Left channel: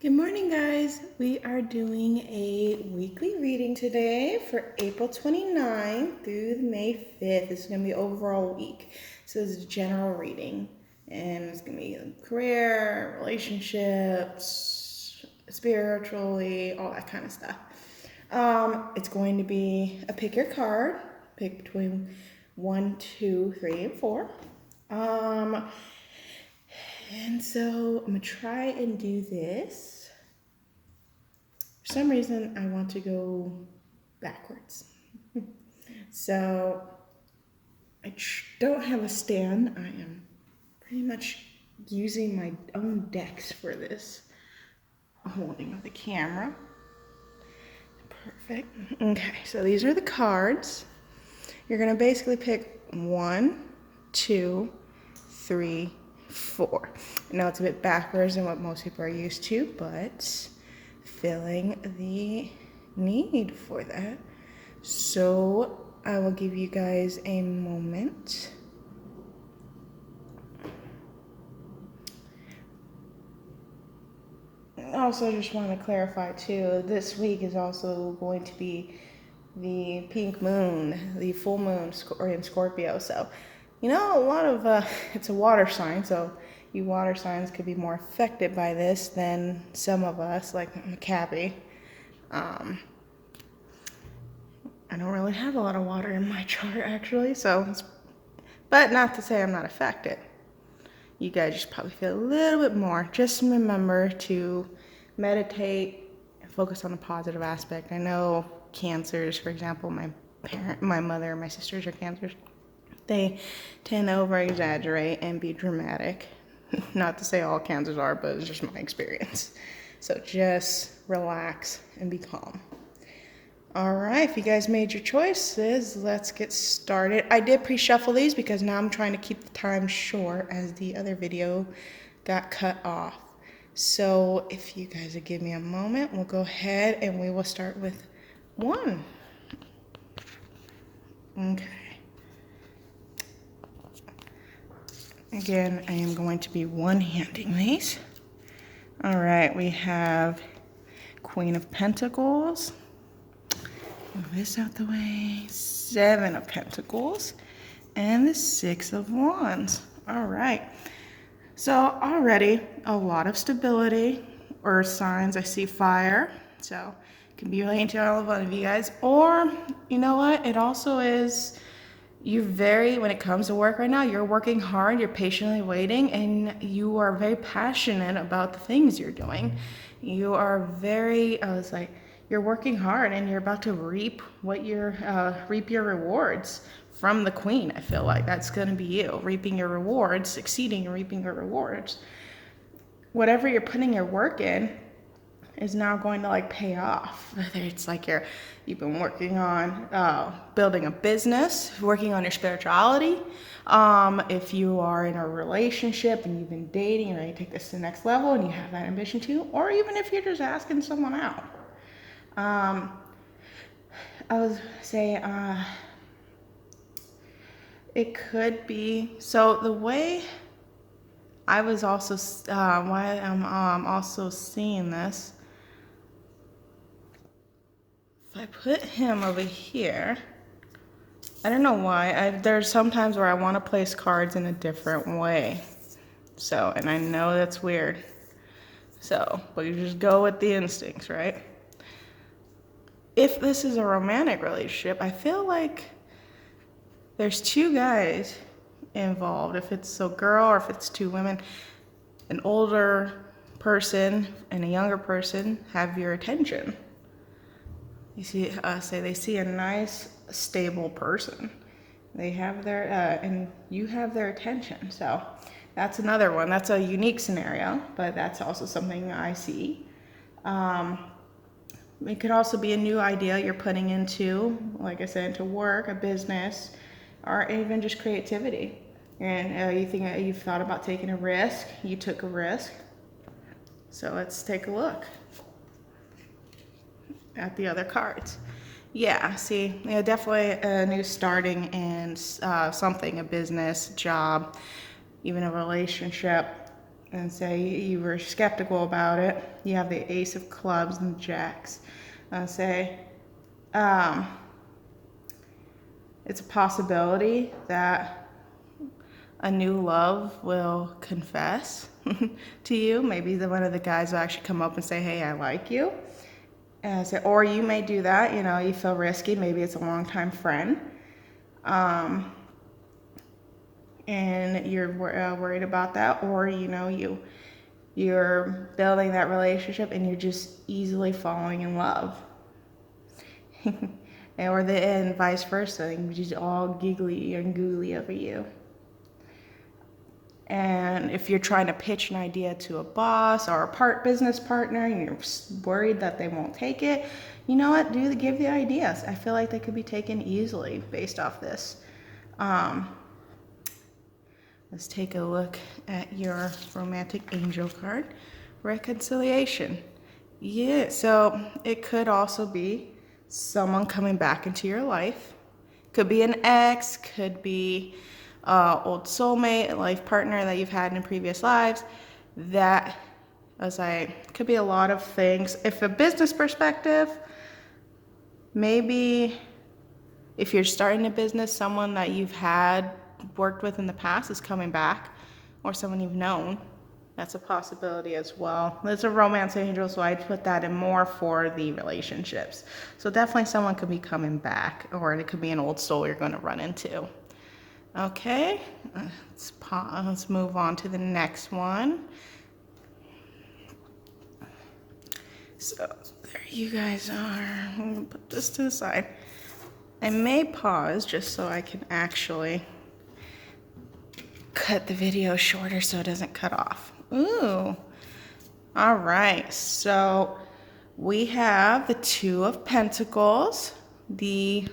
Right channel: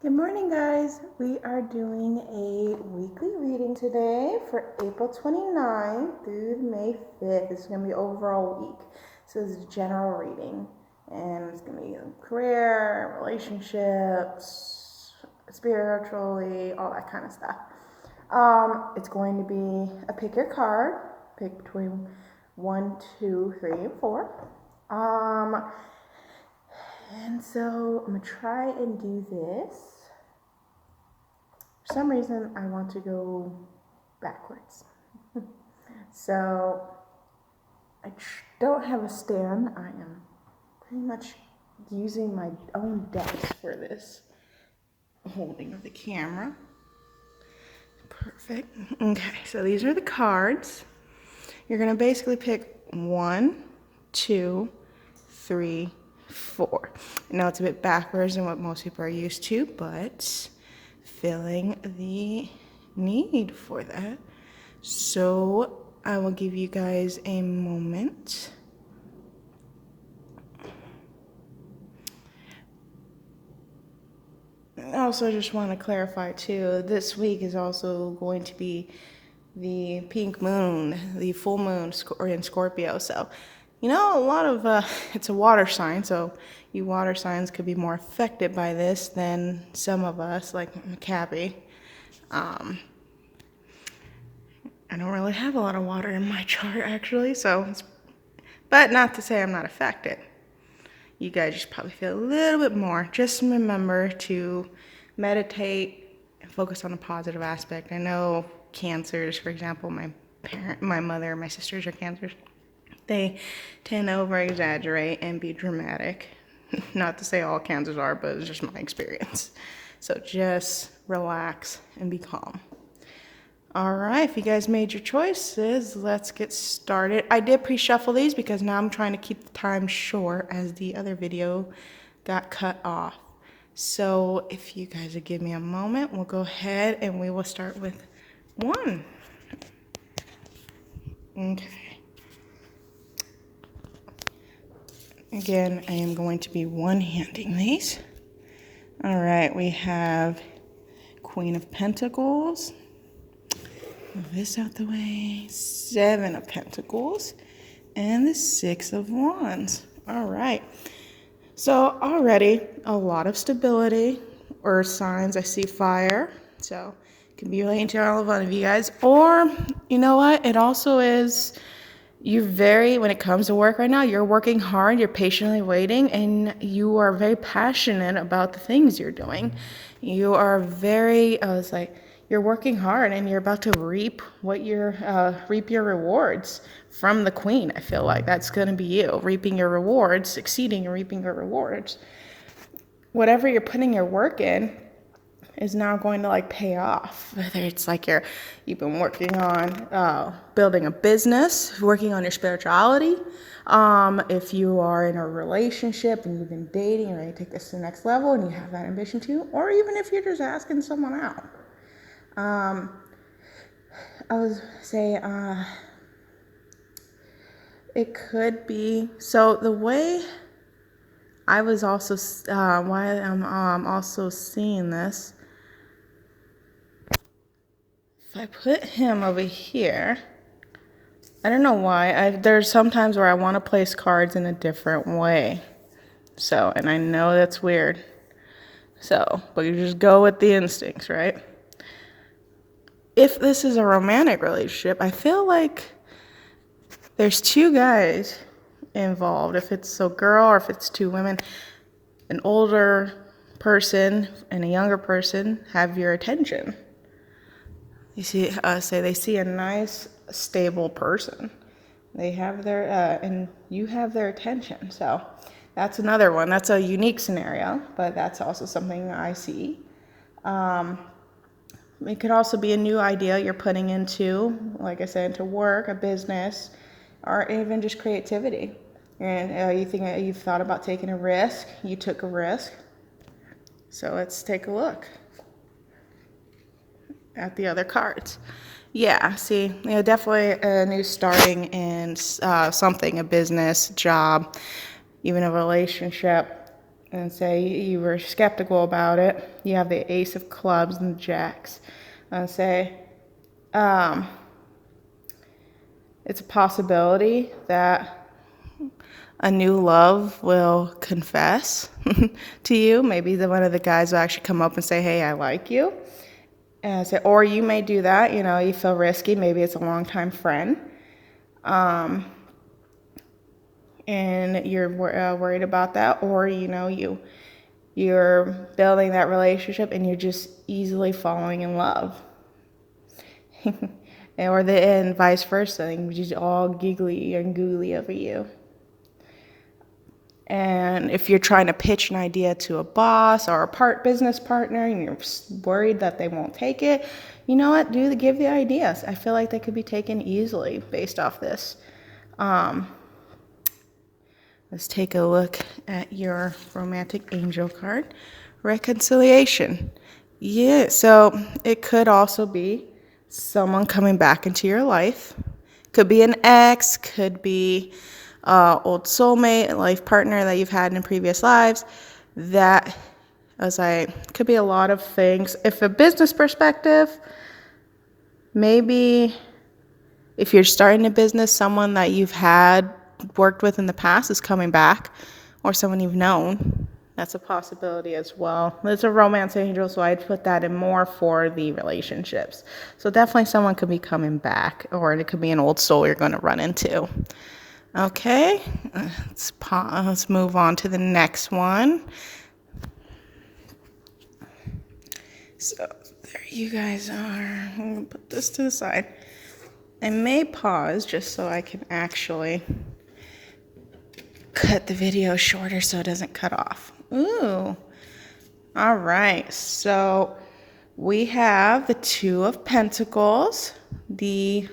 Good morning, guys. We are doing a weekly reading today for April 29th through May 5th. This is going to be overall week. So this is a general reading, and it's going to be career, relationships, spiritually, all that kind of stuff. It's going to be a pick your card, pick between 1, 2, 3, and 4. And so I'm going to try and do this. For some reason, I want to go backwards. So I don't have a stand. I am pretty much using my own desk for this holding of the camera. Perfect. Okay, so these are the cards. You're going to basically pick 1, 2, 3, 4. Now it's a bit backwards than what most people are used to, but feeling the need for that. So I will give you guys a moment. I also just want to clarify too, this week is also going to be the pink moon, the full moon in Scorpio. So, a lot of, it's a water sign, so you water signs could be more affected by this than some of us, like Maccabi. I don't really have a lot of water in my chart, actually, but not to say I'm not affected. You guys just probably feel a little bit more. Just remember to meditate and focus on the positive aspect. I know cancers, for example, my mother, and my sisters are cancers. They tend to over-exaggerate and be dramatic. Not to say all cancers are, but it's just my experience. So just relax and be calm. All right, if you guys made your choices, let's get started. I did pre-shuffle these because now I'm trying to keep the time short as the other video got cut off. So if you guys would give me a moment, we'll go ahead and we will start with 1. Okay. Again, I am going to be one-handing these. All right, we have Queen of Pentacles. Move this out the way. 7 of Pentacles. And the 6 of Wands. All right. So already a lot of stability or signs. I see fire. So it can be relating to all one of you guys. Or, you know what? It also is, when it comes to work right now, you're working hard, you're patiently waiting, and you are very passionate about the things you're doing. You are you're working hard and you're about to reap your rewards from the Queen. I feel like that's going to be you, reaping your rewards, succeeding and reaping your rewards. Whatever you're putting your work in is now going to pay off. Whether it's you've been working on building a business, working on your spirituality. If you are in a relationship and you've been dating and ready to take this to the next level and you have that ambition too, or even if you're just asking someone out. I would say it could be, so the way I was also, why I'm also seeing this, if I put him over here, I don't know why, there's sometimes where I want to place cards in a different way. So, and I know that's weird. So, but you just go with the instincts, right? If this is a romantic relationship, I feel like there's 2 guys involved. If it's a girl or if it's 2 women, an older person and a younger person have your attention. You see, they see a nice, stable person. They have and you have their attention. So that's another one. That's a unique scenario, but that's also something I see. It could also be a new idea you're putting into, like I said, into work, a business, or even just creativity. And you think you've thought about taking a risk. You took a risk. So let's take a look at the other cards. Yeah, see, definitely a new starting in something, a business, job, even a relationship. and say you were skeptical about it. You have the Ace of Clubs and the Jacks. And say it's a possibility that a new love will confess to you. Maybe one of the guys will actually come up and say, hey, I like you. And say, or you may do that, you feel risky. Maybe it's a longtime friend. And you're worried about that, or you're building that relationship and you're just easily falling in love, and vice versa, and just all giggly and googly over you. And if you're trying to pitch an idea to a boss or a business partner and you're worried that they won't take it, you know what? Give the ideas. I feel like they could be taken easily based off this. Let's take a look at your romantic angel card. Reconciliation. Yeah, so it could also be someone coming back into your life. Could be an ex, could be old soulmate, a life partner that you've had in previous lives. That, could be a lot of things. If a business perspective, maybe if you're starting a business, someone that you've worked with in the past is coming back, or someone you've known. That's a possibility as well. It's a romance angel, so I'd put that in more for the relationships. So definitely someone could be coming back, or it could be an old soul you're going to run into. Okay, let's move on to the next one. So there you guys are. I'm going to put this to the side. I may pause just so I can actually cut the video shorter so it doesn't cut off. Ooh. All right. So we have the Two of Pentacles, the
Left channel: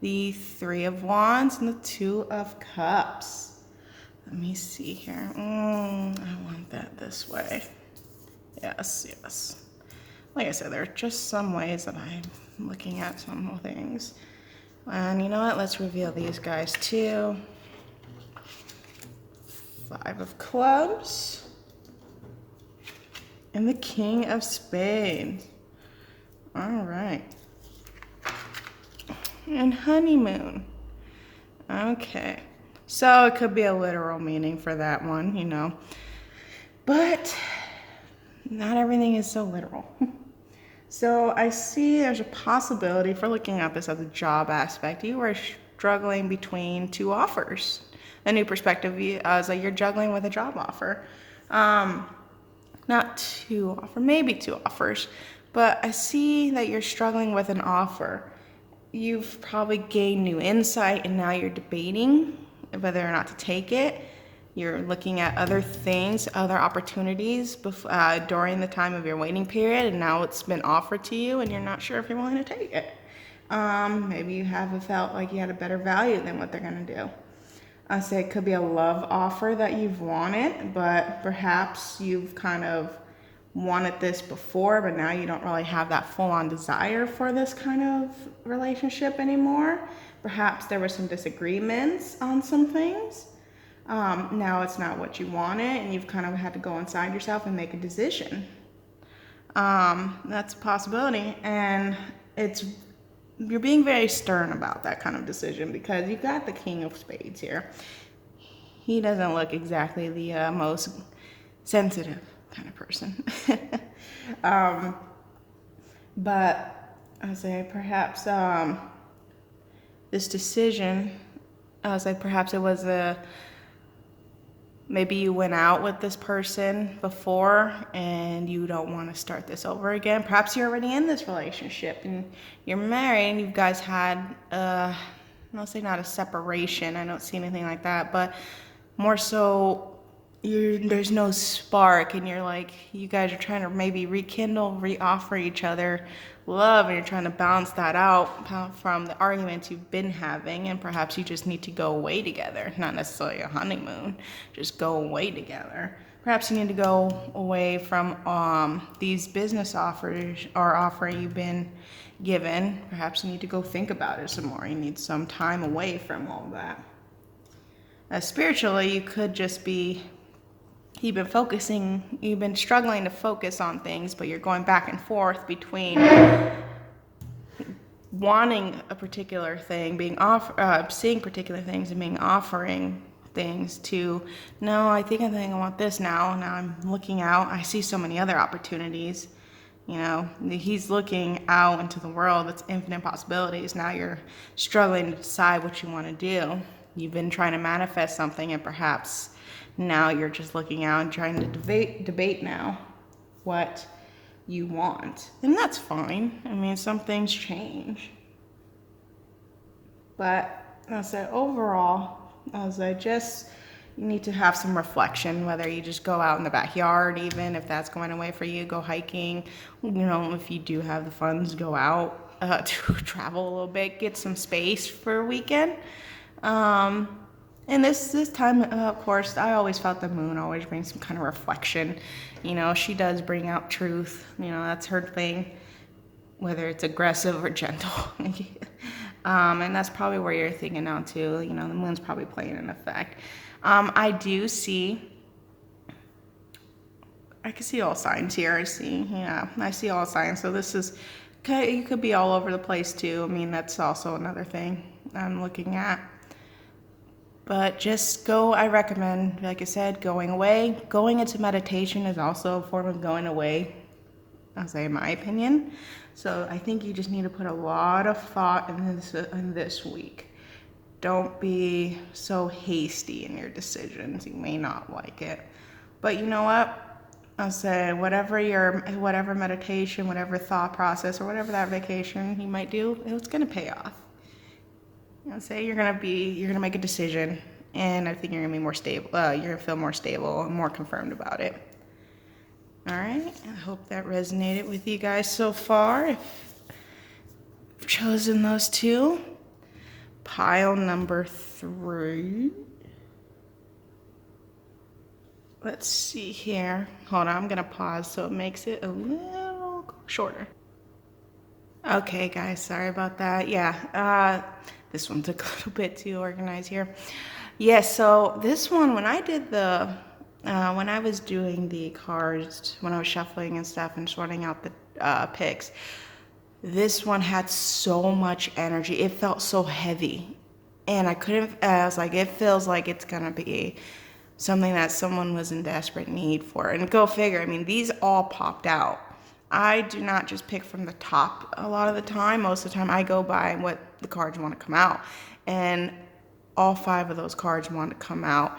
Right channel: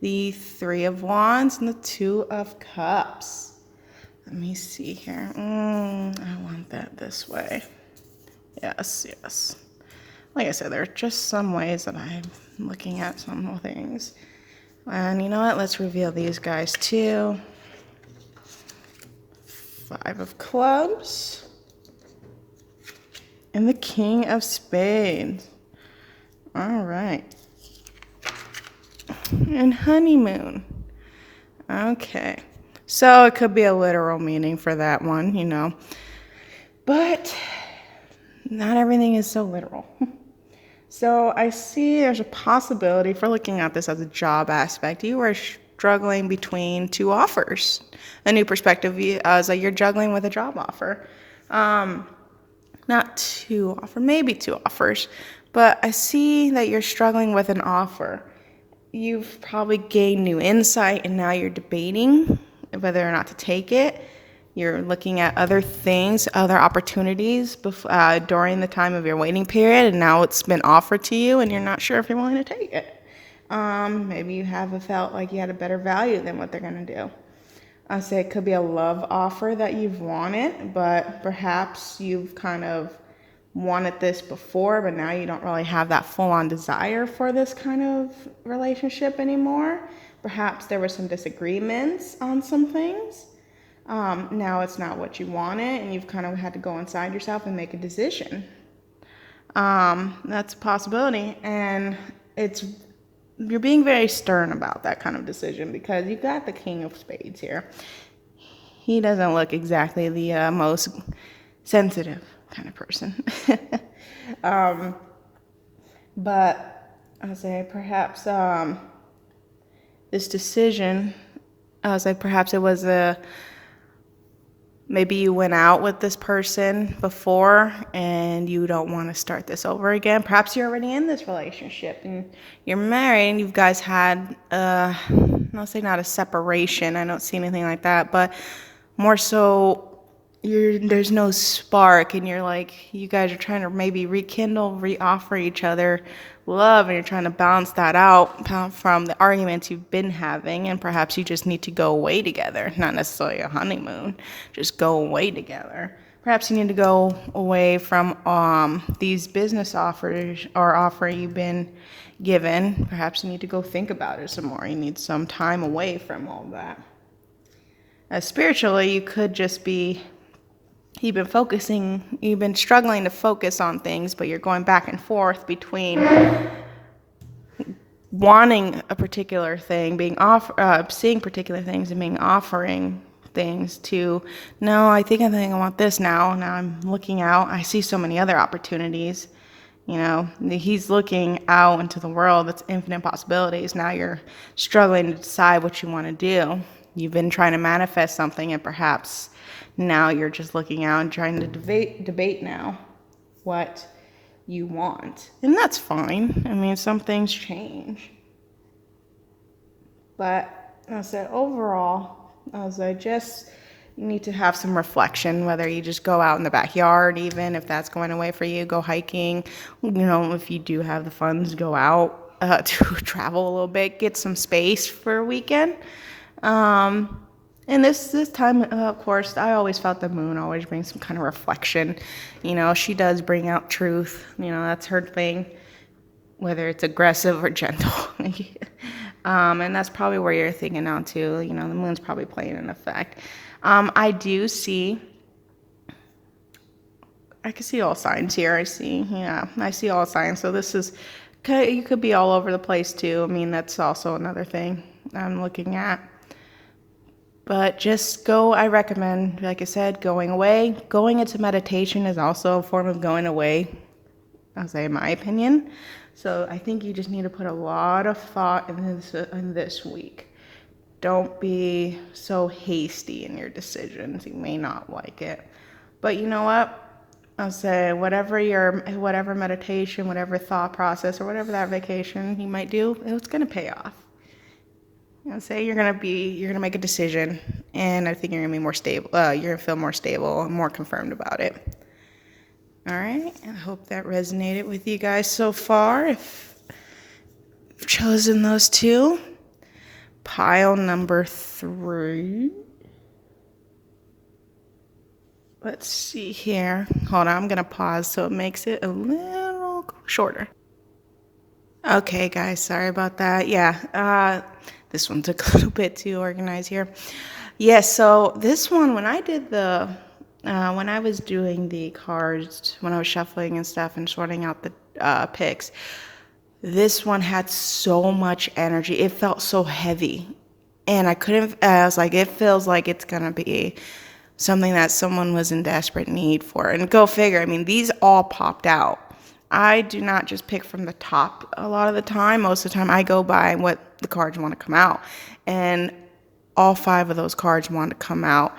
Three of Wands, and the Two of Cups. Let me see here. I want that this way. Yes. Like I said, there are just some ways that I'm looking at some things. And you know what? Let's reveal these guys too. Five of Clubs. And the King of Spades. All right. And honeymoon. Okay. So it could be a literal meaning for that one, But not everything is so literal. So I see there's a possibility for looking at this as a job aspect. You are struggling between two offers. A new perspective is like you're juggling with a job offer. Not two offers, maybe two offers. But I see that you're struggling with an offer. You've probably gained new insight and now you're debating whether or not to take it. You're looking at other things, other opportunities during the time of your waiting period, and now it's been offered to you and you're not sure if you're willing to take it. Maybe you haven't felt like you had a better value than what they're going to do. I say it could be a love offer that you've wanted, but perhaps you've kind of wanted this before, but now you don't really have that full-on desire for this kind of relationship anymore. Perhaps there were some disagreements on some things. Now it's not what you wanted, and you've kind of had to go inside yourself and make a decision. That's a possibility, and you're being very stern about that kind of decision because you've got the King of Spades here. He doesn't look exactly the most sensitive kind of person. But I'll say perhaps this decision, perhaps it was maybe you went out with this person before and you don't want to start this over again. Perhaps you're already in this relationship and you're married and you guys had, I'll say not a separation. I don't see anything like that, but more so there's no spark and you guys are trying to maybe reoffer each other love, and you're trying to balance that out from the arguments you've been having, and perhaps you just need to go away together, not necessarily a honeymoon, just go away together. Perhaps you need to go away from these business offers or offer you've been given. Perhaps you need to go think about it some more. You need some time away from all that. Spiritually, you could just be you've been struggling to focus on things, but you're going back and forth between wanting a particular thing, seeing particular things and offering things to, no, I think I want this now. Now I'm looking out. I see so many other opportunities. He's looking out into the world. It's infinite possibilities. Now you're struggling to decide what you want to do. You've been trying to manifest something, and perhaps now you're just looking out and trying to debate now what you want. And that's fine. I mean, some things change. But I said overall, you need to have some reflection, whether you just go out in the backyard, even if that's going away for you, go hiking. If you do have the funds, go out to travel a little bit, get some space for a weekend. And this time, of course, I always felt the moon always brings some kind of reflection. She does bring out truth. That's her thing, whether it's aggressive or gentle. And that's probably where you're thinking now, too. The moon's probably playing an effect. I can see all signs here. I see all signs. So you could be all over the place, too. I mean, that's also another thing I'm looking at. But I recommend, like I said, going away. Going into meditation is also a form of going away, I'll say in my opinion. So I think you just need to put a lot of thought in this week. Don't be so hasty in your decisions. You may not like it. But you know what? I'll say whatever meditation, whatever thought process, or whatever that vacation you might do, it's going to pay off. Say you're gonna make a decision, and I think you're gonna be more stable. You're gonna feel more stable and more confirmed about it. All right. I hope that resonated with you guys so far. If you've chosen those two, pile number 3. Let's see here. Hold on. I'm gonna pause so it makes it a little shorter. Okay, guys. Sorry about that. Yeah. This one took a little bit to organize here. Yes, so this one, when I was doing the cards, when I was shuffling and stuff and sorting out the picks, this one had so much energy. It felt so heavy. And I was like, it feels like it's going to be something that someone was in desperate need for. And go figure, I mean, these all popped out. I do not just pick from the top a lot of the time. Most of the time I go by what the cards want to come out. And all 5 of those cards wanted to come out.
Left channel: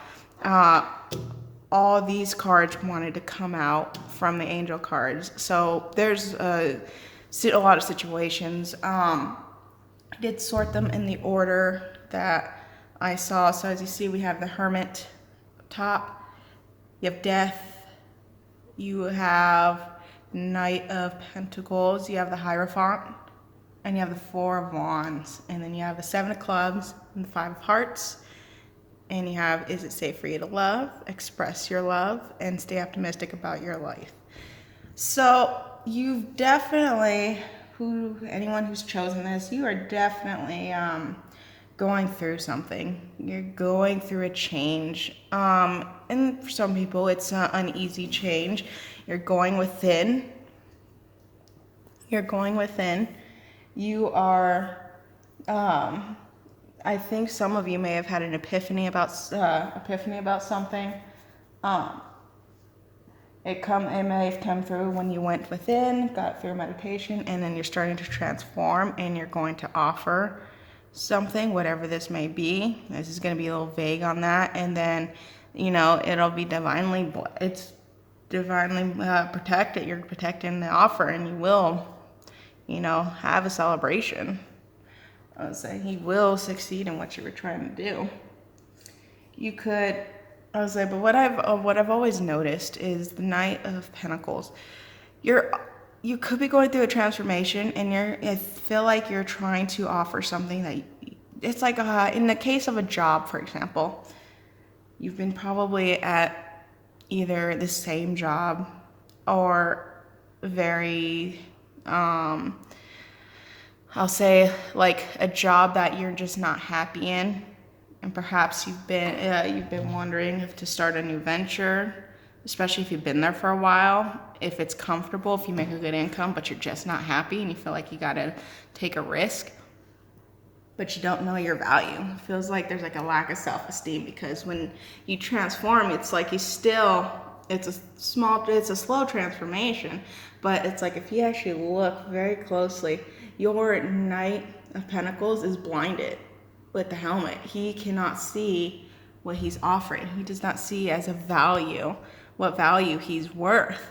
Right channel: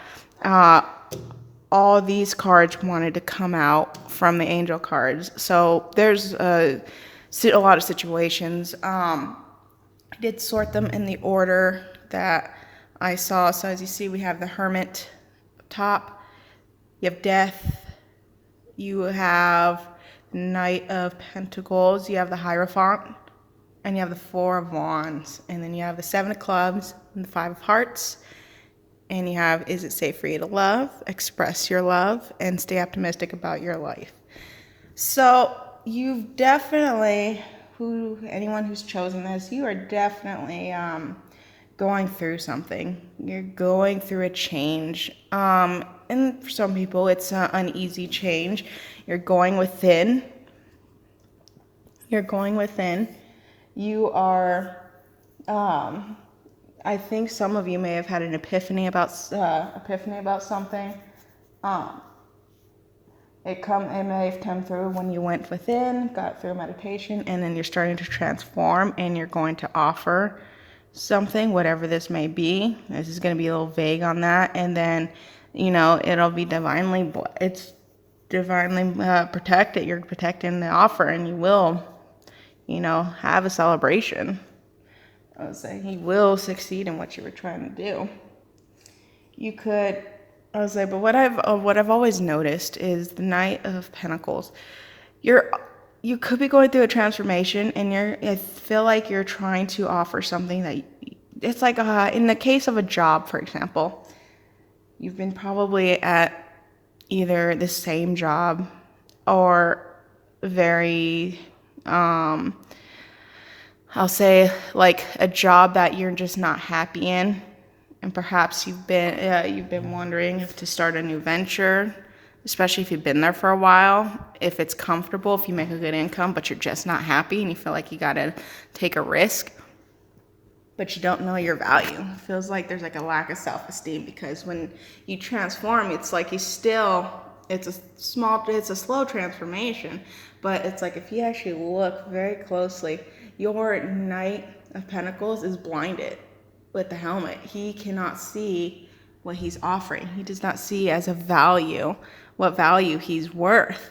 All these cards wanted to come out from the angel cards. So there's a lot of situations. I did sort them in the order that I saw. So as you see, we have the Hermit top. You have Death. You have Knight of Pentacles, you have the Hierophant, and you have the 4 of Wands, and then you have the 7 of Clubs and the 5 of Hearts, and you have, is it safe for you to love, express your love, and stay optimistic about your life. So you've definitely, anyone who's chosen this, you are definitely going through something. You're going through a change, and for some people it's an uneasy change. You're going within. You are, I think some of you may have had an epiphany about something. It may have come through when you went within, got through meditation, and then you're starting to transform, and you're going to offer something, whatever this may be. This is going to be a little vague on that, and then, it'll be divinely protected. You're protecting the offer, and you will, have a celebration. I would say he will succeed in what you were trying to do. But what I've always noticed is the Knight of Pentacles. You could be going through a transformation, and I feel like you're trying to offer something that it's like in the case of a job, for example, you've been probably at either the same job or very, I'll say like a job that you're just not happy in. And perhaps you've been wondering if to start a new venture, especially if you've been there for a while, if it's comfortable, if you make a good income, but you're just not happy and you feel like you got to take a risk, but you don't know your value. It feels like there's like a lack of self-esteem, because when you transform, it's like it's a slow transformation, but it's like if you actually look very closely, your Knight of Pentacles is blinded with the helmet. He cannot see what he's offering. He does not see as a value what value he's worth.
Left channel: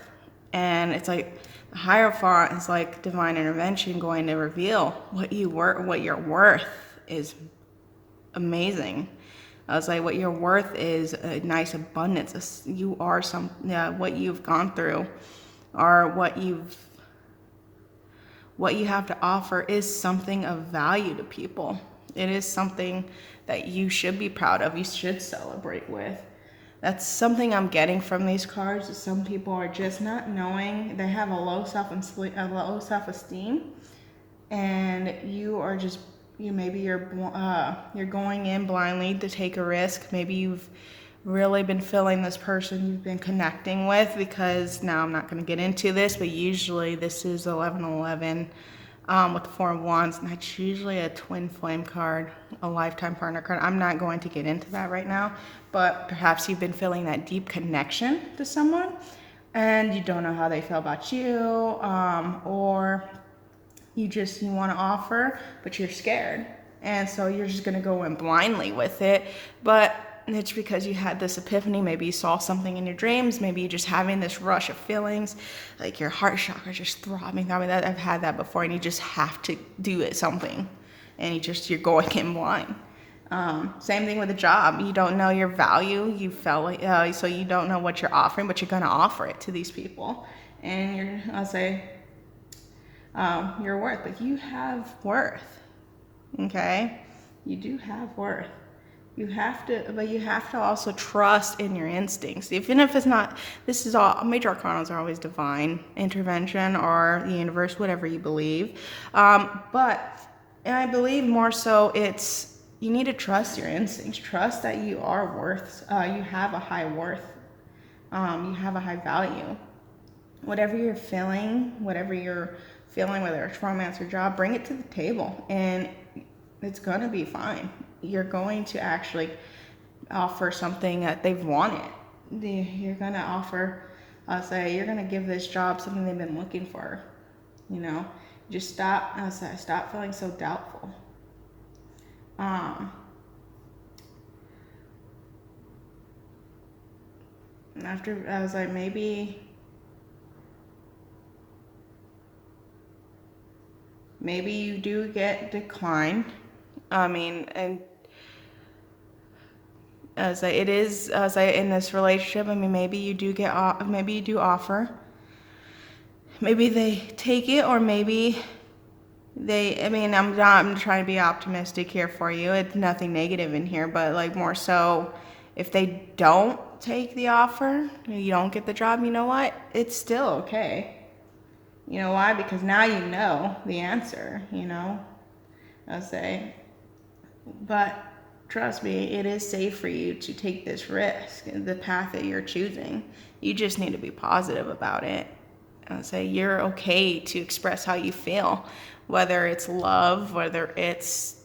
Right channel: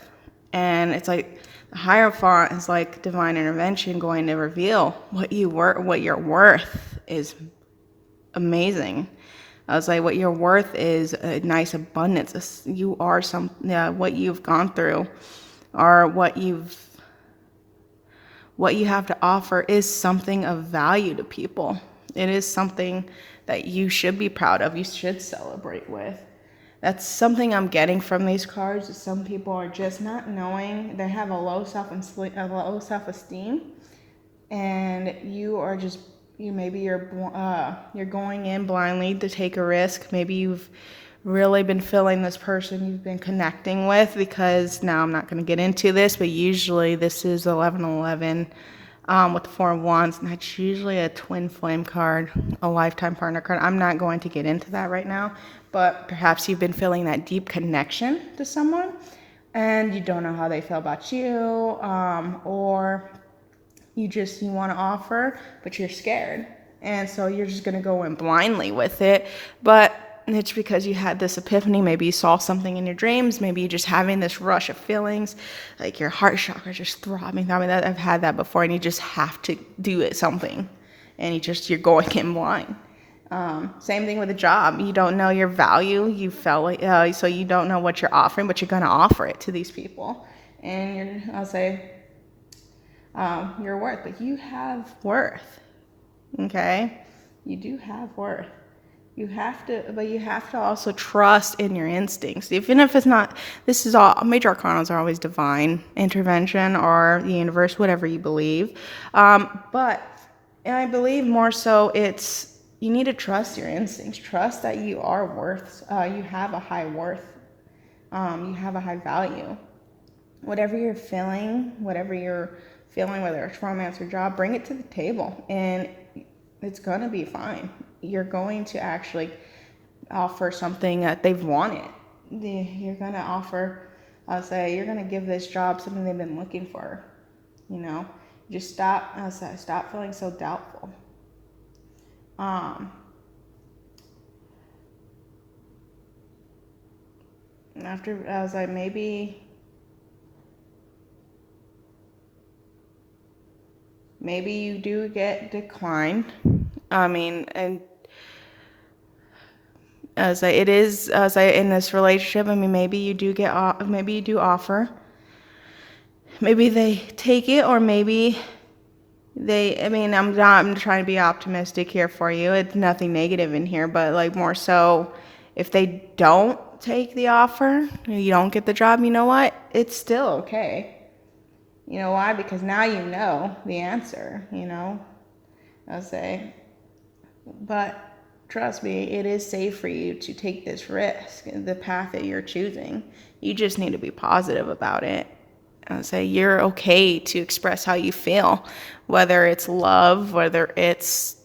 And it's like the Hierophant is like divine intervention going to reveal what your worth is. Amazing. I was like, what your worth is a nice abundance. You are what you've gone through, or what you have to offer is something of value to people. It is something that you should be proud of. You should celebrate with. That's something I'm getting from these cards. Some people are just not knowing. They have a low self-esteem, and you're going in blindly to take a risk. Maybe you've really been feeling this person you've been connecting with, because now I'm not going to get into this, but usually this is 1111 with the Four of Wands, and that's usually a twin flame card, a lifetime partner card. I'm not going to get into that right now, but perhaps you've been feeling that deep connection to someone and you don't know how they feel about you, or you want to offer, but you're scared. And so you're just going to go in blindly with it. But it's because you had this epiphany. Maybe you saw something in your dreams. Maybe you're just having this rush of feelings, like your heart chakra is just throbbing. I mean, I've had that before, and you just have to do something, and you're going in blind. Same thing with a job. You don't know your value. You felt like, so you don't know what you're offering, but you're going to offer it to these people. And I'll say, your worth, but you have worth. Okay? You do have worth. You have to also trust in your instincts. Even if it's not, this is all, major arcanas are always divine intervention or the universe, whatever you believe. But I believe more so you need to trust your instincts. Trust that you are worth, you have a high worth. You have a high value. Whatever you're feeling, whether it's romance or job, bring it to the table, and it's going to be fine. You're going to actually offer something that they've wanted. You're going to offer, you're going to give this job something they've been looking for. Just stop feeling so doubtful. After, I was like, maybe you do get declined. I mean, and as in this relationship, I mean, maybe you do offer. Maybe they take it, or maybe I'm trying to be optimistic here for you. It's nothing negative in here, but like more so, if they don't take the offer, you don't get the job, you know what? It's still okay. You know why? Because now you know the answer, I'll say. But trust me, it is safe for you to take this risk, the path that you're choosing. You just need to be positive about it. I'll say you're okay to express how you feel, whether it's love, whether it's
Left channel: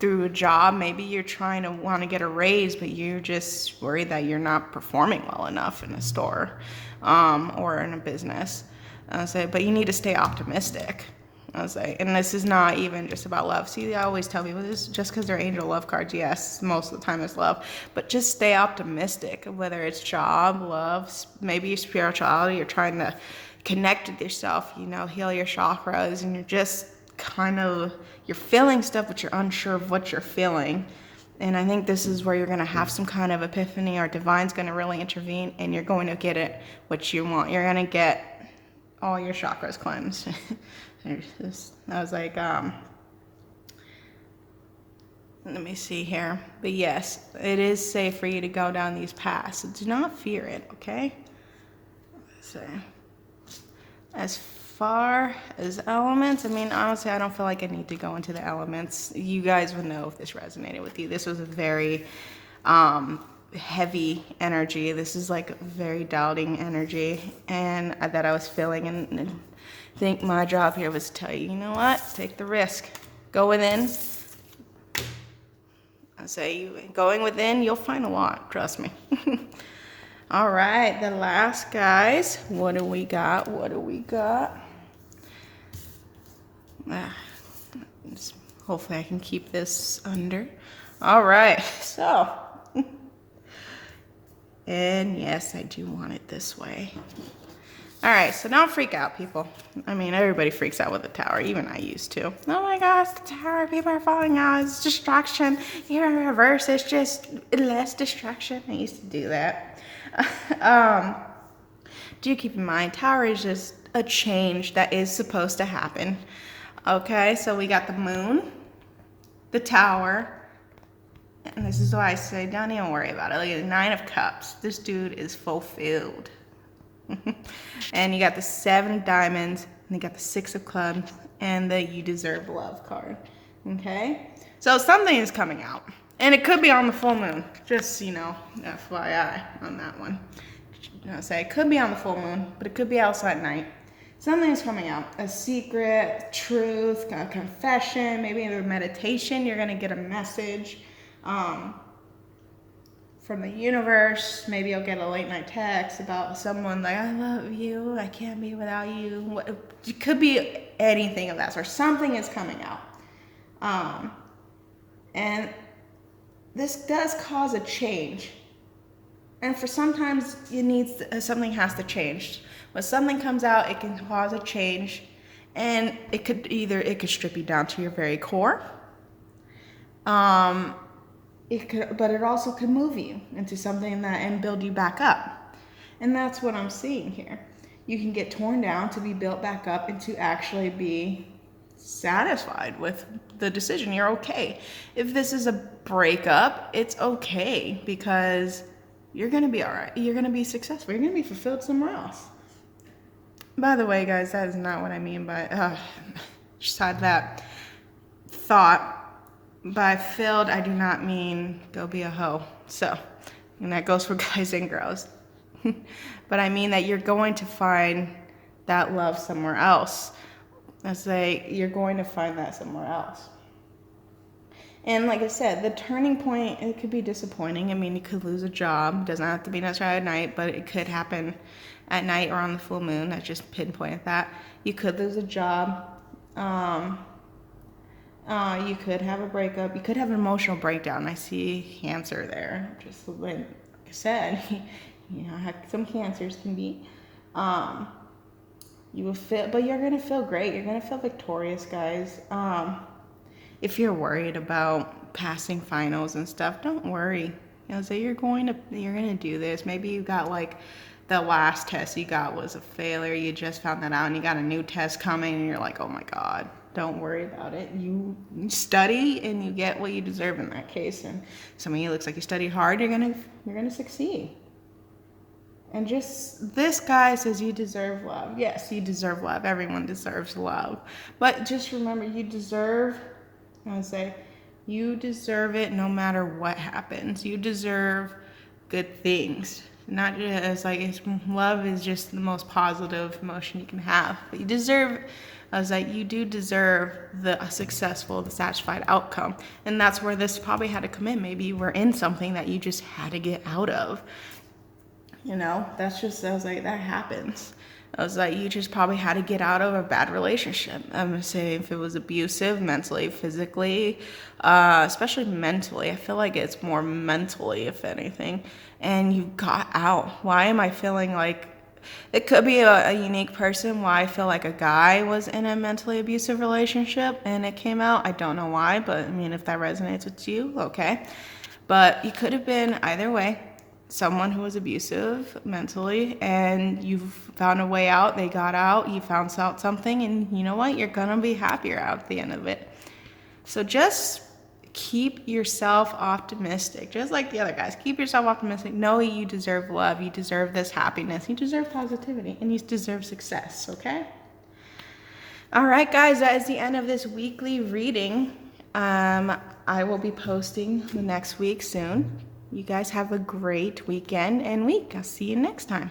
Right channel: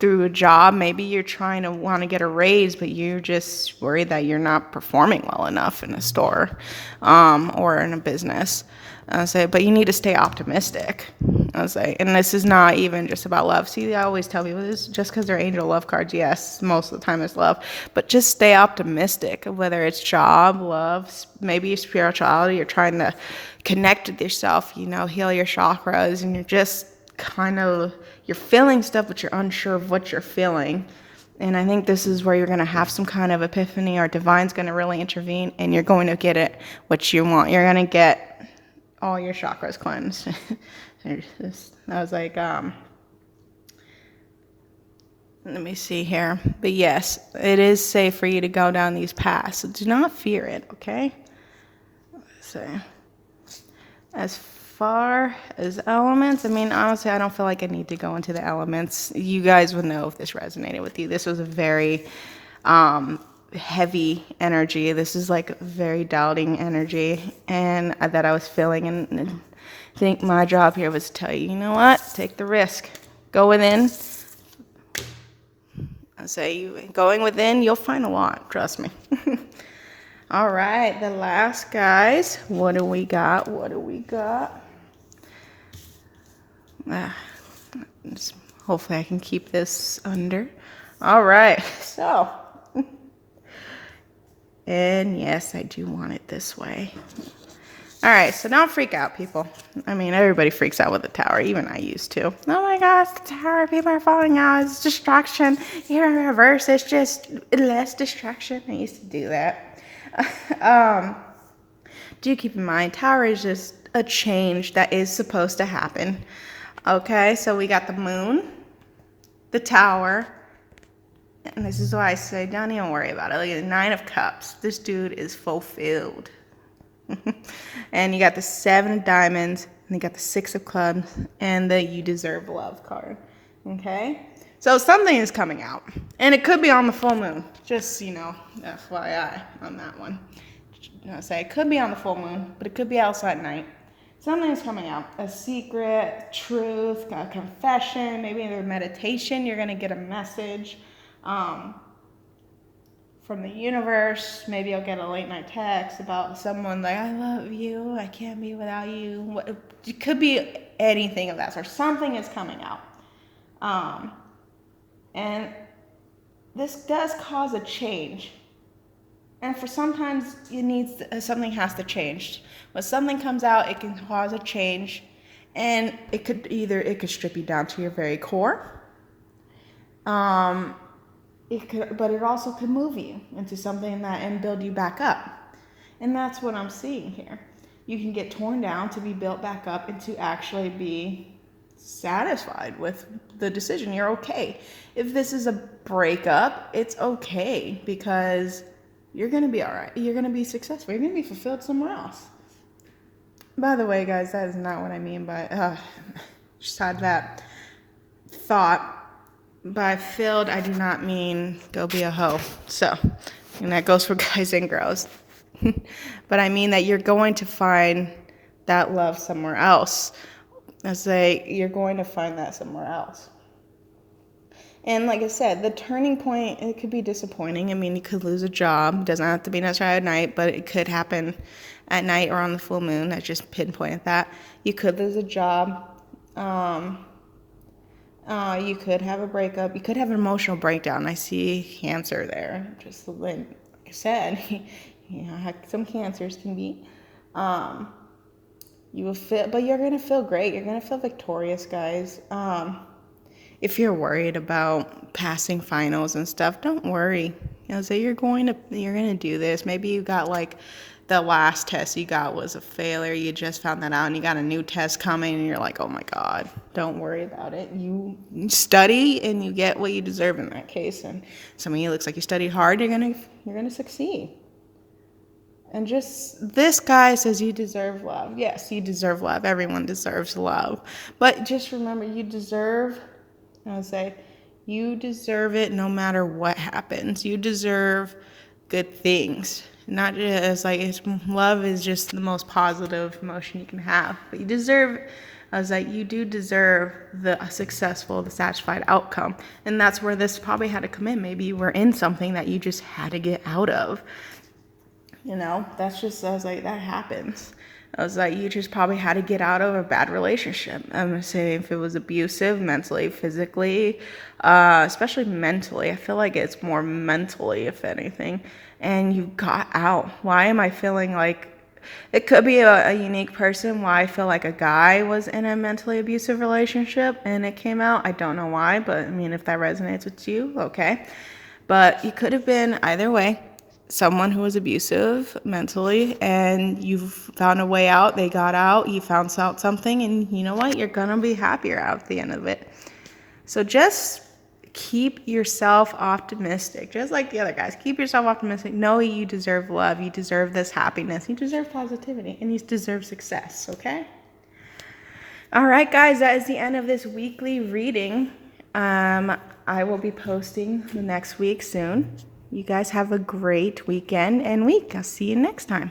through a job. Maybe you're trying to want to get a raise, but you're just worried that you're not performing well enough in a store or in a business. But you need to stay optimistic. And this is not even just about love. See, I always tell people this, just because they're angel love cards, yes, most of the time it's love, but just stay optimistic, whether it's job, love, maybe spirituality. You're trying to connect with yourself, heal your chakras, and you're just you're feeling stuff, but you're unsure of what you're feeling. And I think this is where you're going to have some kind of epiphany, or divine's going to really intervene, and you're going to get it what you want. You're going to get all your chakras cleansed. I was like, let me see here. But yes, it is safe for you to go down these paths. So do not fear it, okay? So, as far as elements, honestly, I don't feel like I need to go into the elements. You guys would know if this resonated with you. This was a very heavy energy. This is like very doubting energy, and that I was feeling. And I think my job here was to tell you, you know what? Take the risk. Go within. I say, you going within, you'll find a lot. Trust me. All right, the last, guys. What do we got? What do we got? Hopefully I can keep this under. All right, so. And yes, I do want it this way. All right, so don't freak out, people. I mean, everybody freaks out with the tower. Even I used to. Oh my gosh, the tower, people are falling out. It's distraction. Here in reverse, it's just less distraction. I used to do that. Do keep in mind, tower is just a change that is supposed to happen. Okay, so we got the moon, the tower, and this is why I say don't even worry about it. Look at the 9 of Cups. This dude is fulfilled. And you got the 7 of Diamonds, and you got the 6 of Clubs, and the You Deserve Love card. Okay? So something is coming out. And it could be on the full moon. Just, FYI on that one. I'll say it could be on the full moon, but it could be outside night. Something is coming out. A secret, truth, a confession, maybe in a meditation, you're going to get a message from the universe. Maybe you'll get a late night text about someone like, I love you, I can't be without you. It could be anything of that sort. Something is coming out. And this does cause a change. And for sometimes something has to change. When something comes out, it can cause a change. And it could strip you down to your very core. But it also could move you into something and build you back up. And that's what I'm seeing here. You can get torn down to be built back up and to actually be satisfied with the decision. You're okay. If this is a breakup, it's okay because you're going to be all right. You're going to be successful. You're going to be fulfilled somewhere else. By the way, guys, that is not what I mean by, just had that thought. By filled, I do not mean go be a hoe. So, and that goes for guys and girls. But I mean that you're going to find that love somewhere else. I say you're going to find that somewhere else. And like I said, the turning point, it could be disappointing. I mean, you could lose a job. It doesn't have to be necessarily at night, but it could happen at night or on the full moon. I just pinpointed that. You could lose a job. You could have a breakup. You could have an emotional breakdown. I see Cancer there. Just like I said, some Cancers can be. You will feel, but you're gonna feel great. You're gonna feel victorious, guys. If you're worried about passing finals and stuff, don't worry. You're gonna do this. Maybe you got like the last test you got was a failure. You just found that out and you got a new test coming and you're like, oh my God, don't worry about it. You study and you get what you deserve in that case. And some of you looks like you studied hard, you're gonna succeed. And just this guy says you deserve love. Yes, you deserve love. Everyone deserves love. But just remember, you deserve it no matter what happens. You deserve good things. Not just love is just the most positive emotion you can have. But you do deserve the successful, the satisfied outcome. And that's where this probably had to come in. Maybe you were in something that you just had to get out of. That happens. You just probably had to get out of a bad relationship. I'm saying if it was abusive, mentally, physically, especially mentally. I feel like it's more mentally, if anything. And you got out. Why am I feeling like it could be a unique person? Why I feel like a guy was in a mentally abusive relationship and it came out. I don't know why, but I mean, if that resonates with you, okay. But you could have been either way. Someone who was abusive mentally and you found a way out, they got out, you found out something, and you know what? You're going to be happier out at the end of it. So just keep yourself optimistic. Just like the other guys, keep yourself optimistic. Know you deserve love, you deserve this happiness, you deserve positivity, and you deserve success, okay? All right, guys, that is the end of this weekly reading. I will be posting the next week soon. You guys have a great weekend and week. I'll see you next time.